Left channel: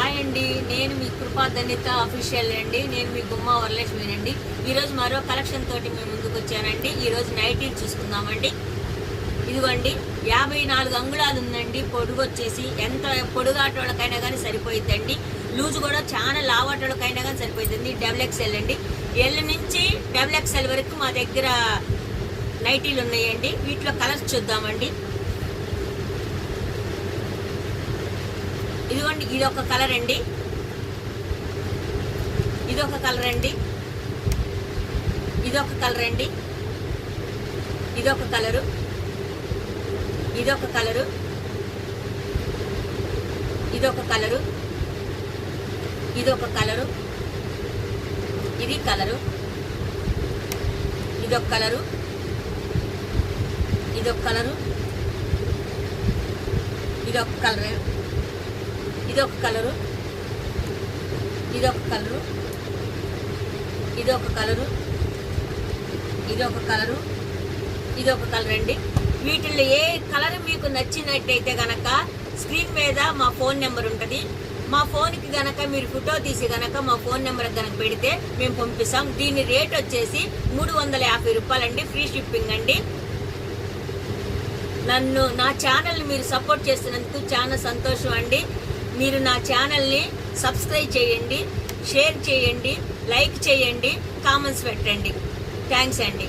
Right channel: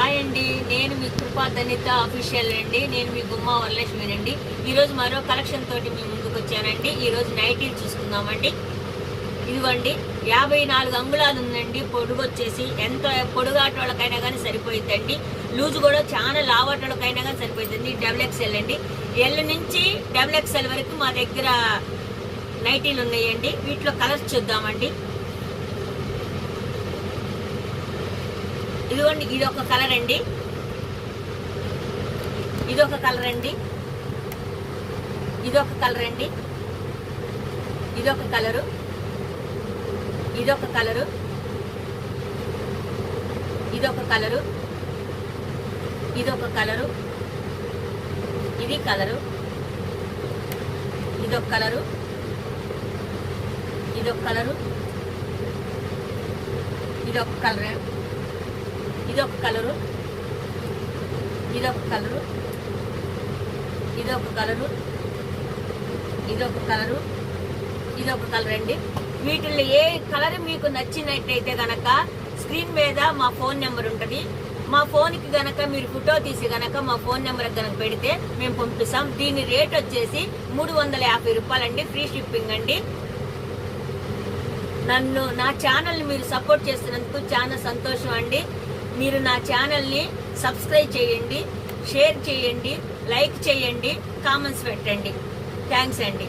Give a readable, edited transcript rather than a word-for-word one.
Hi అండి, నేను మీ కృపా ధన్యత అఫీషియల్ అండి. నేను మీ గుమ్మా వరలక్ష్మినండి. ఈరోజు మరో కలెక్షన్ తోటి మీ ముందుకు వచ్చానండి. ఈరోజు నైటీలు చూసుకుందామండి. ఇదిగోండి 54 అంగుళాలు ఉందండి. పొడుగు వచ్చేసి ఎంత పొడుగాటోళ్ళకైనా కానీ సరిపోయిద్దండి. లూజు కూడా చాలా లావాటోళ్ళకైనా కానీ సరిపోయింది. XXL అండి. ఎల్ నుంచి XXL వరకు మా దగ్గర నైటీలు ఉన్నాయండి. వీటిలో కలర్స్ చూద్దామండి. ఇదిగోండి, ఇది ఒక కలర్ అండి, ఇదొక కలర్ అండి, ఇదొక కలర్ అండి, ఇదొక కలరు, ఇదొక కలరు, ఇదొక కలరు, ఇదొక కలరు, ఇది కలరు, ఇదొక కలరు, ఇదొక కలరు, ఇదొక కలర్, ఇదొక కలరు, ఇదొక కలరు, ఇదొక కలరు, ఇదొక కలరు, ఇదొక కలర్ అండి. వీటిల్లో ఏ కలర్ మీకు నచ్చినట్టయితే గనక స్క్రీన్ మీద మా ఫోన్ నెంబర్ ఉంటుంది. మా ఫోన్కి గనక మీరు ఫోటో తీసి గనక మా ఫోన్ నెంబర్ గనక పెడితే మేము పంపిస్తాం. దీని రేట్ వచ్చేసి 350 రూపాయలండి. ఫ్రీ షిప్పింగ్ అండి. నా ఛానల్ని మీరు సపోర్ట్ చేసినందుకు చాలా సంతోషం అండి. మీరు నా ఛానల్ని సబ్స్క్రైబ్ చేయండి, షేర్ చేయండి, లైక్ చేయండి, కామెంట్స్ పెట్టండి. థ్యాంక్స్ అండి.